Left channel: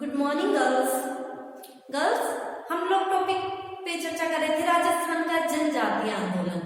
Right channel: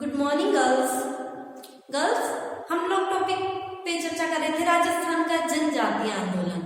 Good morning girls. Girls, हम लोग topic पे चर्चा कर रहे थे राजस्थान का जनजातीय आंदोलन।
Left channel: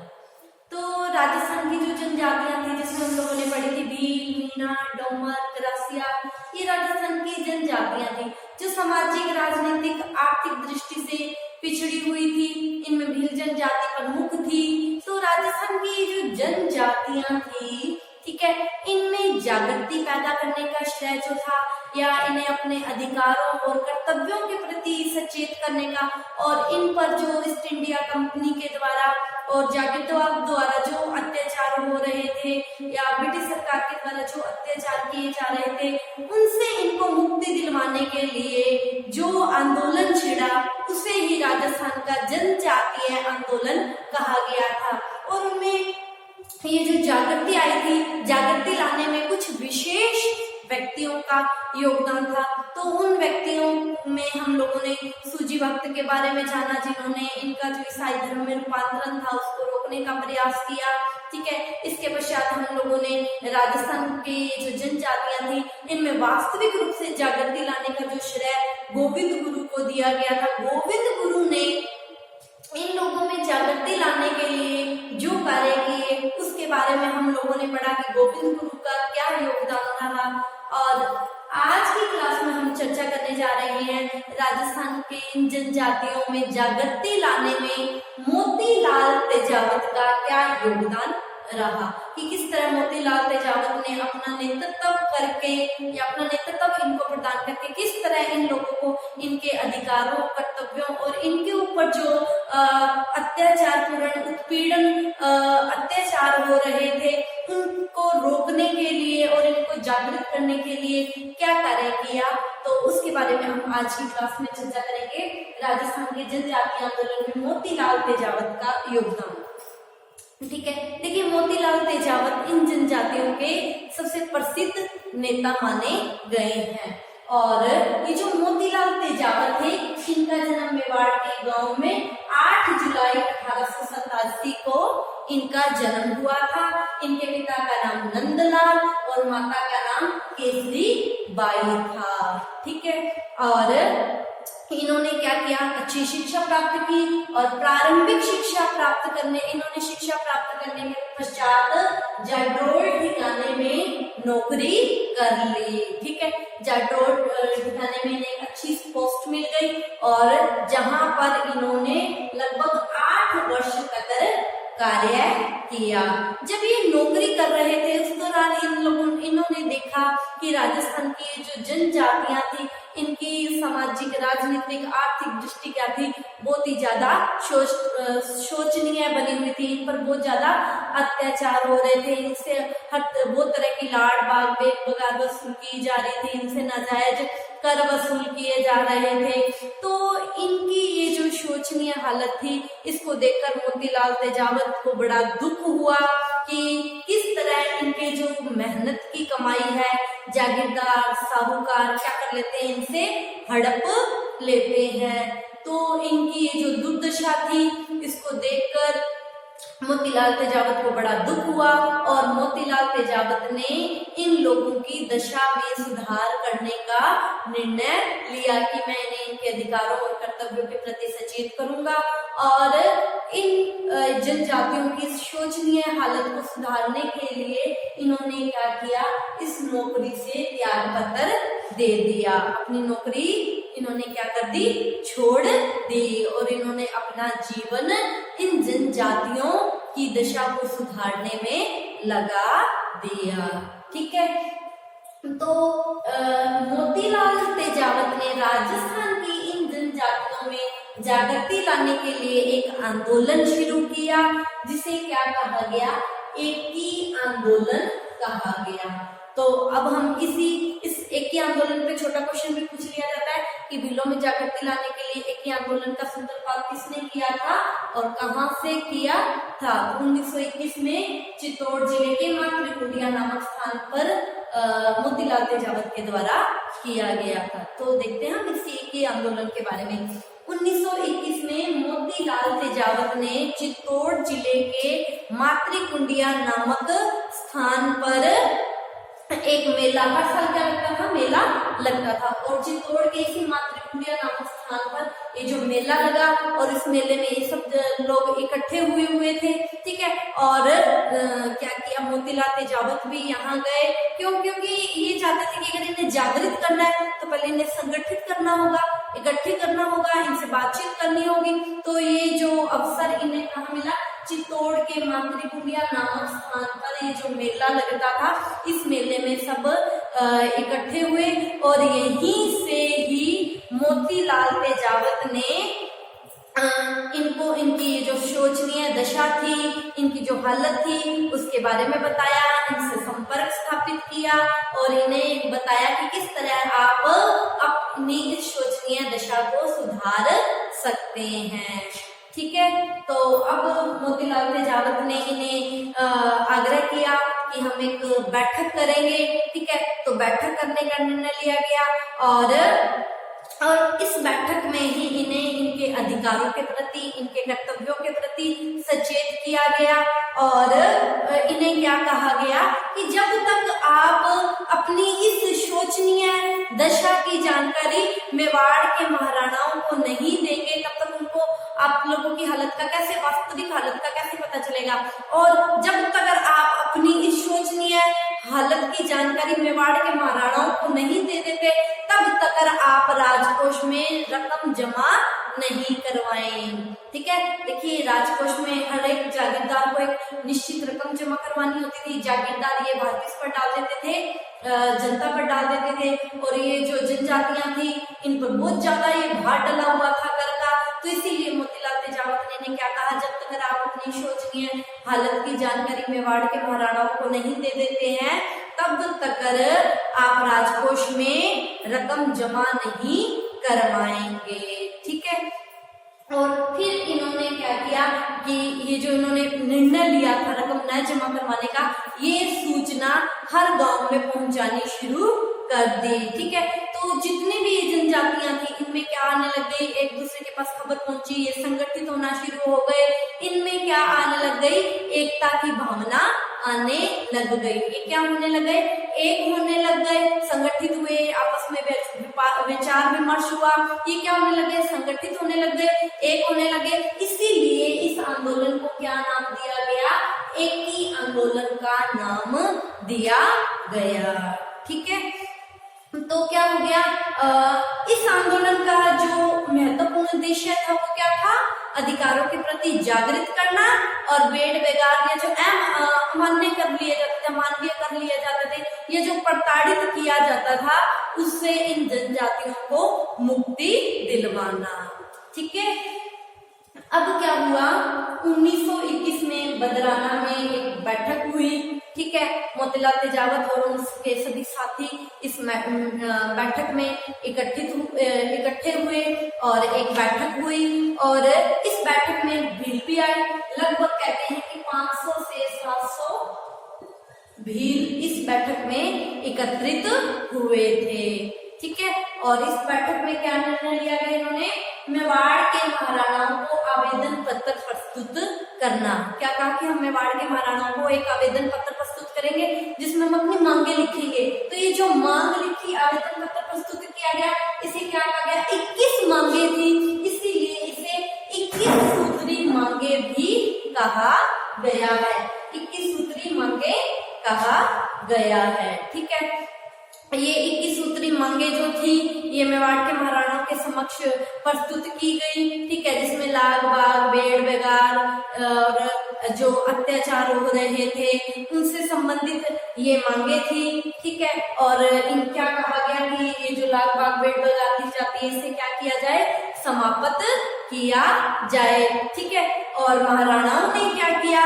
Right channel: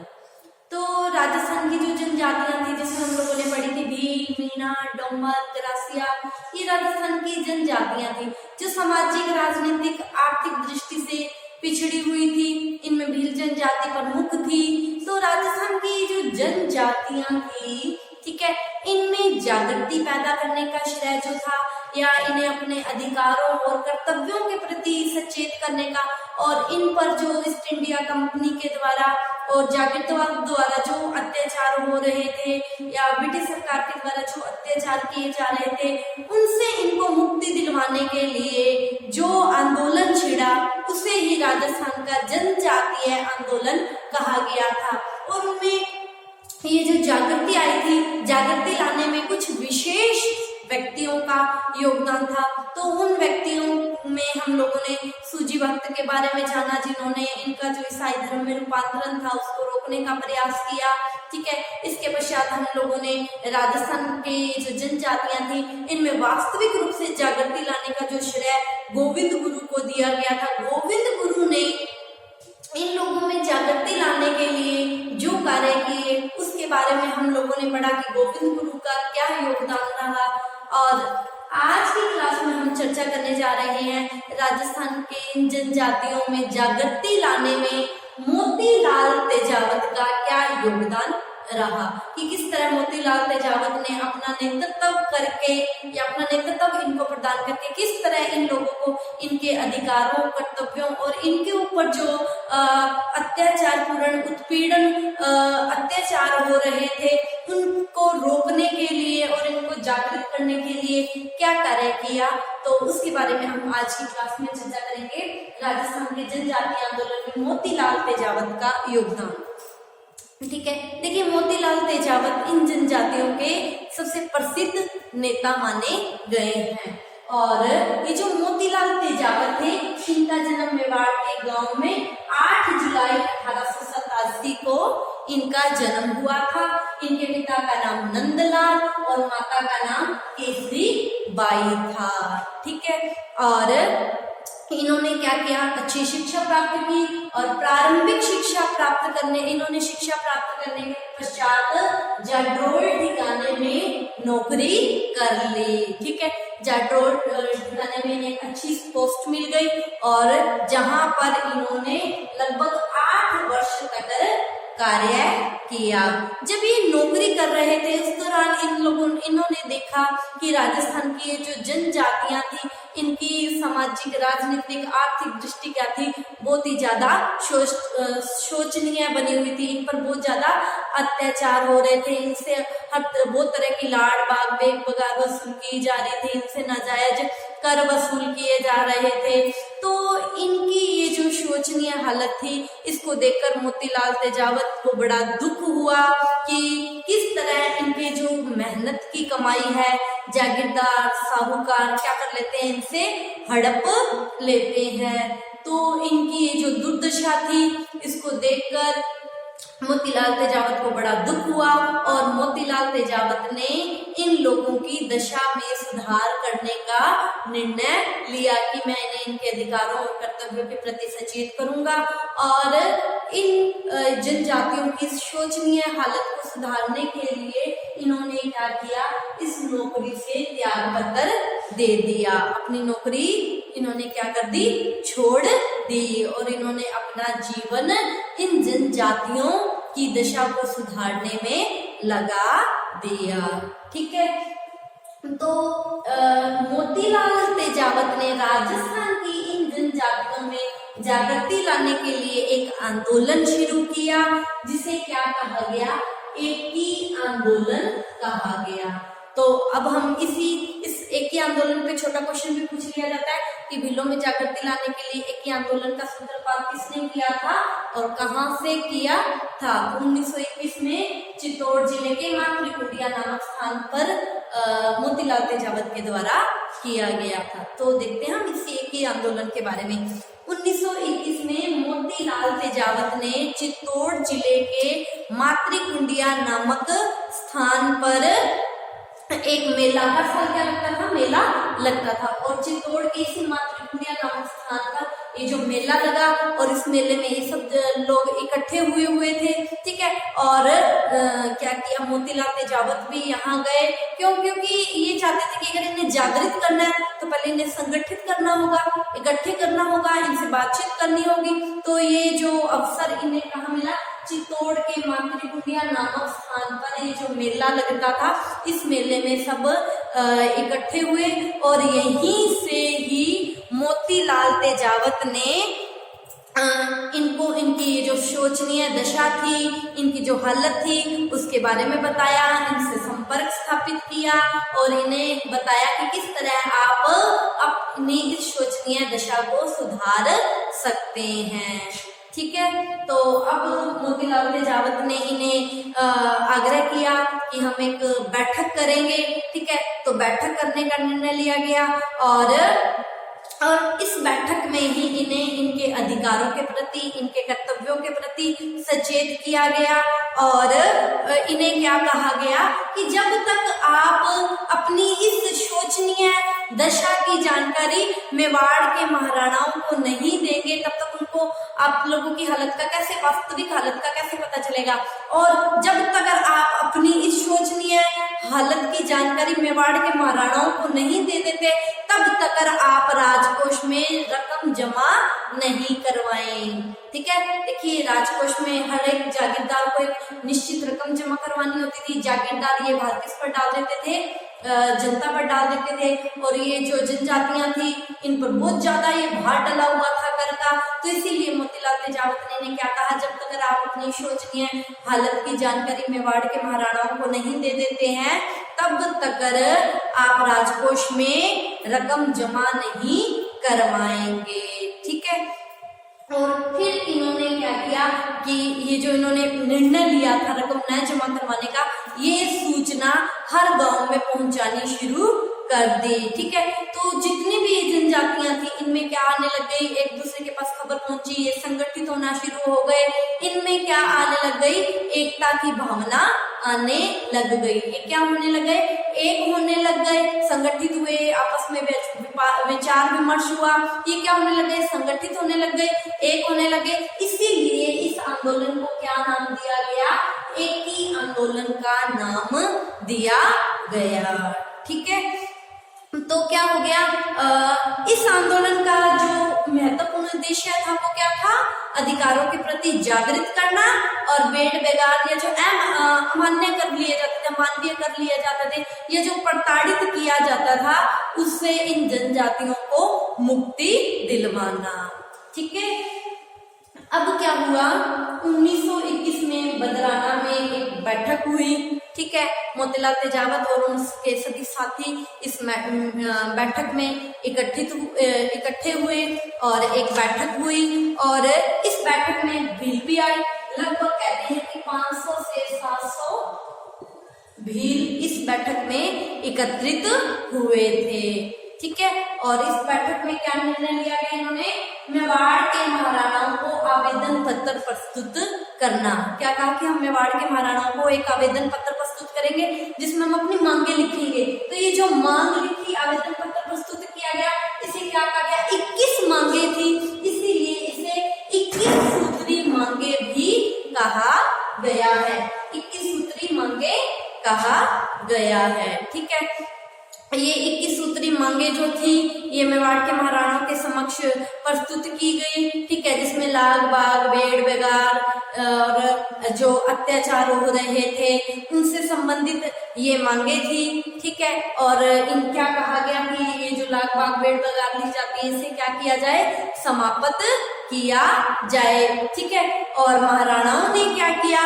तो राजस्थान की जो जनजातियां थी जिसमें हम लोगों ने पढ़ी थी भील, मीणा, डोमर, गरासिया, ये राजस्थान की जनजातियां थी जो सामाजिक, राजनीतिक, आर्थिक दृष्टि से पिछड़ी हुई थी। इनमें भील जनजाति प्रमुख थी। तो राजस्थान की जो जनजातियां थी, ठीक है, इनमें जागृति पैदा करने का श्रेय जो था, या इन्हें अपने अधिकारों और कर्तव्यों के प्रति सचेत करने का, और इन पर जो ईस्ट इंडिया कंपनी के द्वारा और जागीरदार द्वारा जो अत्याचार हो रहे थे, या ब्रिटिश सरकार के द्वारा जो अत्याचार किए जा रहे थे, उनसे इनको मुक्ति दिलवाने के लिए जो आंदोलन छिड़ा, उसे ही राजस्थान का जनजातीय आंदोलन कहा गया था। और उनमें ये जो जागृति आई थी, जागृति लाने में कुछ विशेष व्यक्तियों का योगदान था। तो उन व्यक्तियों में हम लोगों ने सूजी भक्त के बारे में जाना, जिन्होंने इनका जो ईसाई धर्म में रूपांतरण था उसको रोकने का प्रयास किया। ठीक है, इसके पश्चात हम लोगों ने राजस्थान के जो जनजातियां थी, इनमें वास्तविक रूप से जागृति लाने का जो श्रेय गोविंद गुरु को दिया गया था। गोविंद गुरु ने इन लोगों में जागृति लाने के लिए जो कार्य किए, उसके बारे में हम लोगों ने पढ़ा कि गोविंद गुरु का क्या योगदान रहा। और आज की क्लास में हम चर्चा करने जा रहे हैं राजस्थान के इन जनजातियों में जागृति लाने में मोतीलाल तेजावत का क्या योगदान रहा, कि किस तरह मोतीलाल तेजावत ने अपना नेतृत्व करके या अपना नेतृत्व इनको प्रदान करके किस तरह इन लोगों को इनके अधिकारों, कर्तव्यों और इनके ऊपर जो अत्याचार पूर्ण उत्पीड़न अत्याचार हो रहे थे, उनको रोकने के लिए और इनको जागृत करने के लिए क्या कार्य किया। तो उसके बारे में हम आज की क्लास में चर्चा करेंगे। राजस्थान के जनजातीय आंदोलन में मोतीलाल तेजावत का योगदान। ठीक है, देखिए मोतीलाल तेजावत इन जनजातियों के सबसे प्रसिद्ध नेता माने गए हैं। और ये जो मोतीलाल तेजावत थे, इनका जन्म मेवाड़ के गांव में 8 जुलाई 1887 को इनका जन्म हुआ था। इनके पिता का नाम नंदलाल और माता का नाम केसरी बाई था। ठीक है, और इन्होंने क्या किया, अच्छी शिक्षा प्राप्त की और प्रारंभिक शिक्षा प्राप्त करने के पश्चात जाडोल ठिकाने में नौकरी कर ली। ठीक है, जाडोल ठिकाने में इन्हें अच्छी पोस्ट मिल गई और जहां पर इन्होंने लगभग 8 वर्ष तक कार्य किया। जब ये नौकरी कर रहे थे, उस दौरान इन्होंने देखा कि राजस्थान की जो जनजातियां थी, इनकी सामाजिक, राजनीतिक, आर्थिक दृष्टि क्या थी, बहुत ही ज्यादा शोचनीय बनी हुई थी। इन पर बहुत ज्यादा अत्याचार हो रहे थे। इनसे बहुत तरह की लाड़ बाग, बेग बगाद वसूल की जा रही थी। इनसे नाजायज कर वसूल किए जा रहे थे। तो इनकी ये जो शोचनीय हालत थी, इसको देखकर मोतीलाल तेजावत को बड़ा दुख हुआ कि किस तरह इनके जो मेहनत की कमाई है, जागीरदार, साहूकार क्या कर लेते हैं, इनसे हड़प लेते हैं। तो इनकी ये जो दुर्दशा थी, इसको देखकर मोतीलाल तेजावत को बड़ा दुख हुआ और मोतीलाल तेजावत ने इन लोगों की दशा में सुधार करने का निर्णय लिया कि मैं इन्हें इनके अधिकारों और कर्तव्यों के प्रति सचेत करूंगा और इन जनजातियों की शोचनीय हालत को सुधारने के लिए इन्होंने क्या किया, इस नौकरी से त्याग पत्र दे दिया। अपनी नौकरी इन्होंने क्या कर दी, छोड़ दी और इन्होंने अपना जीवन इन जनजातियों की दशा को सुधारने में लगा दिया। ठीक है, तो मोतीलाल तेजावत ने राजस्थान की इन जनजातियों में जागृति लाने के लिए एक आंदोलन शुरू किया, जिसे क्या कहा गया, एकी आंदोलन कहा गया। तो अब हम इस एकी आंदोलन पे छोटा क्वेश्चन भी पूछ लिया जाता है कि भीलों में जागृति लाने के लिए एकी आंदोलन का सूत्रपात किसने किया था और कहां से किया था। 1921 में चित्तौड़ जिले के मातृकुंडिया नामक स्थान पर मोतीलाल तेजावत के द्वारा किया गया था। तो देखते हैं हम इस एकी आंदोलन के बारे में। 1921 में मोतीलाल तेजावत ने चित्तौड़ जिले के मातृकुंडिया नामक स्थान पर एक मेला, हर साल क्या लगता था, मेला लगता था। और चित्तौड़ के इसी मातृकुंडिया नामक स्थान पर ये जो मेला लगा और इस मेले में ये सब लोग इकट्ठे हुए थे, ठीक है। और क्या किया, मोतीलाल तेजावत भी यहाँ गए। क्योंकि ये चाहते थे कि अगर इन्हें जागृत करना है तो पहले इन्हें संगठित करना होगा, इकट्ठे करना होगा, इनसे बातचीत करनी होगी। तो ये जो अवसर इन्हें कहाँ मिला, चित्तौड़ के मातृकुंडिया नामक स्थान पर ये जो मेला लगता था, इस मेले में सब इकट्ठे हुए और यहीं से ही मोतीलाल तेजावत ने इनको इनकी जो शोचनीय दशा थी, इनकी जो हालत थी उसके बारे में बताया, इनसे संपर्क स्थापित किया और इन्हें बताया कि किस तरह आप अपनी इस शोचनीय दशा को सुधार सकते हैं, ठीक है। तो अब मोतीलाल तेजावत ने इन्हें आग्रह किया कि हम एक बैठक करेंगे, ठीक है। तो बैठक करने का निर्णय लिया गया और इस बैठक में ही इन्हें इनके अधिकारों के प्रति, इनके कर्तव्यों के प्रति सचेत किया गया और इन्हें क्या कहा गया कि जब तक आप अपनी इस शोचनीय दशा की जानकारी मेवाड़ के महाराणाओं को नहीं देंगे, तब तक उनको आप लोगों की हालत का कैसे, वास्तविक हालत का कैसे पता चलेगा। और जब तक आप अपनी इस शोचनीय हालत की जानकारी मेवाड़ के महाराणाओं को नहीं दे देते, तब तक आप राजकोष में रकम जमा नहीं करवाएं, ठीक है। देखिए, राजकोष में हर एक जागीरदार को एक निश्चित रकम जमा करवानी होती थी। जागीरदार ये भार किस पर डाल देते थे, जनता पर डाल देते थे और ये जो जनजातियां थी इन पर बहुत ज्यादा ये भार डला हुआ था कर का। तो इसीलिए मोतीलाल तेजावत ने क्या कहा, जब तक आप अपनी शोचनीय हालत की जानकारी मेवाड़ के महाराणाओं को नहीं दे देते हैं, तब तक आप राजकोष में रकम जमा नहीं करवाएंगे, ठीक है। और फिर इन्होंने क्या किया कि ये जो इन्होंने निर्णय लिया था रकम न जमा करवाने का, ये सूचना हर गांव में पहुंचानी शुरू कर दी, ठीक है। तो जितनी भी जनजातियां थी इनमें क्या आने लग गई, एक दूसरे के पास खबर पहुंची, ये संगठित होना शुरू हो गए। इनमें क्या आने लग गई, एकता की भावना आने लग गई। ये क्या होने लग गए, एक होने लग गए, संगठित हुए, आपस में विचार विमर्श हुआ। ये क्या होने लग गए, संगठित होने लग गए, एक होने लगे। इसीलिए इस आंदोलन को क्या नाम दिया गया, एकी आंदोलन का नाम दिया गया, ठीक है। तो क्या हो गया, इस आंदोलन का जो महत्वपूर्ण उद्देश्य था वो क्या था, अधिकारों के प्रति जागृत करना और बेड़ बेगार या जो अमान्य कर लिए जाते थे, अमानवीय कर लिए जाते थे, ये जो प्रताड़ित किया जाता था, उससे इन जनजातियों को मुक्ति दिलवाना, ठीक है। अब क्या हुआ, 1921 में बदराना में एक बैठक हुई, ठीक है। मोतीलाल तेजावत और उनके सभी साथी इस बैठक में इकट्ठे हुए और एक बैठक हुई और इस बैठक में भील भी आई। लगभग कहते हैं कि 500 से 700 भील इस बैठक में एकत्रित हुए थे, ठीक है। और इस बैठक में क्या निर्णय लिया गया, इन्होंने मेवाड़ के महाराणाओं को आवेदन पत्र प्रस्तुत करना। क्या कहा कि हम मेवाड़ के महाराणाओं को एक आवेदन पत्र प्रस्तुत करेंगे जिसमें हम अपनी मांगे लिखेंगे। तो ये जो मांग लिखी, आवेदन पत्र प्रस्तुत किया गया, इसे क्या कहा गया, 21 मांगे थी, इसीलिए इसे 21 सूत्री मांगे भी कहा गया है। 21 सूत्री मांगे कहा गया है, ठीक है। ये 21 सूत्री मांगे जो थी ये मेवाड़ के महाराणाओं के समक्ष प्रस्तुत की गई, ठीक है। जिसमें लाग बाग, बेड़ बेगार और जो अत्याचार हो रहे थे उनसे संबंधित ये मांगे थी, ठीक है। और इन क्या कहा गया कि ये जो लाग बाग बेड़ बेगार ली जाती है इसे क्या किया जाए, समाप्त किया जाए, ठीक है। और महाराणाओं ने क्या किया,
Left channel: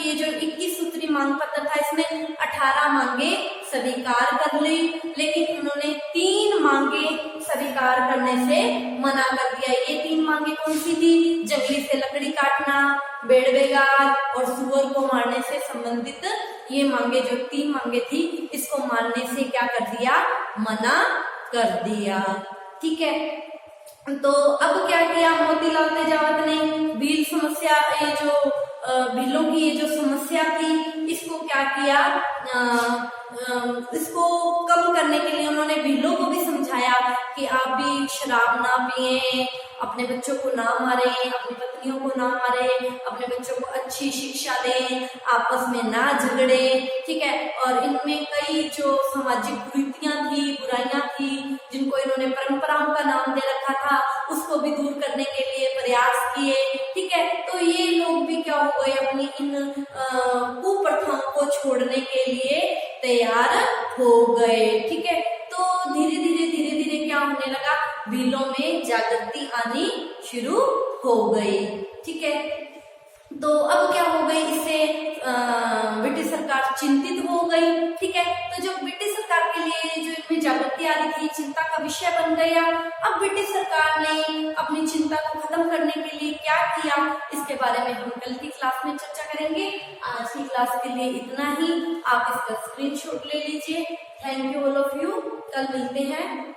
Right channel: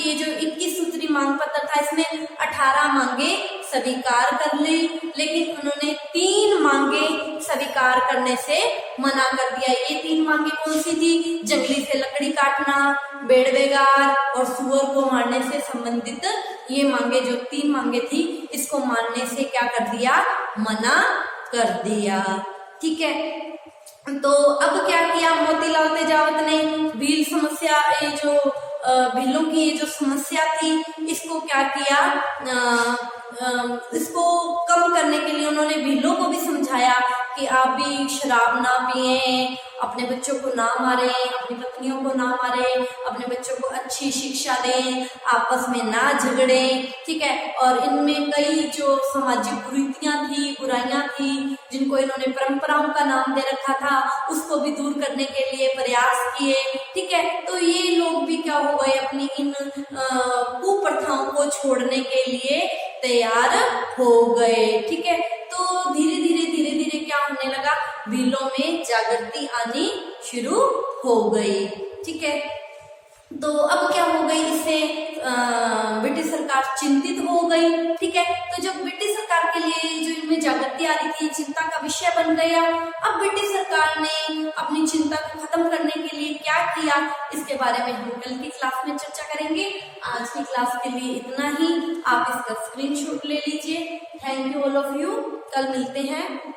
ये जो 21 सूत्री मांग पत्र था इसमें 18 मांगे स्वीकार कर ली, लेकिन उन्होंने 3 मांगे स्वीकार करने से मना कर दिया। ये 3 मांगे कौन सी थी, जंगली से लकड़ी काटना, बेड़ बेगार और सुअर को मारने से संबंधित ये मांगे, जो 3 मांगे थी इसको मानने से क्या कर दिया, मना कर दिया, ठीक है। तो अब क्या किया मोतीलाल तेजावत ने, भील समस्या, ये जो भीलों की ये जो समस्या थी इसको क्या किया, इसको कम करने के लिए उन्होंने भीलों को भी समझाया कि आप भी शराब ना पिए, अपने बच्चों को ना मारें, अपनी पत्नियों को ना मारें, अपने बच्चों को अच्छी शिक्षा दें, आपस में ना झगड़ें, ठीक है। और इनमें कई जो सामाजिक कुरीतियां थी, बुराइयां थी, जिनको इन्होंने परंपराओं का नाम दे रखा था, उसको भी दूर करने के लिए प्रयास किए, ठीक है। तो ये लोग भी क्या हो गए, अपनी इन कुप्रथाओं को छोड़ने के लिए तैयार हो गए, ठीक है। तो धीरे धीरे क्या होने लगा, भीलों में जागृति आनी शुरू हो गई, ठीक है। तो अब क्या हो गई, इससे ब्रिटिश सरकार चिंतित हो गई, ठीक है। तो जब ब्रिटिश सरकार के लिए जो इनमें जागृति आ रही थी, चिंता का विषय बन गया। अब ब्रिटिश सरकार ने अपनी चिंता को खत्म करने के लिए क्या किया, इसके बारे में हम कल की क्लास में चर्चा करेंगे। आज की क्लास के लिए इतना ही, आप इसका स्क्रीनशॉट ले लीजिए। Thank you all of you, कल मिलते हैं।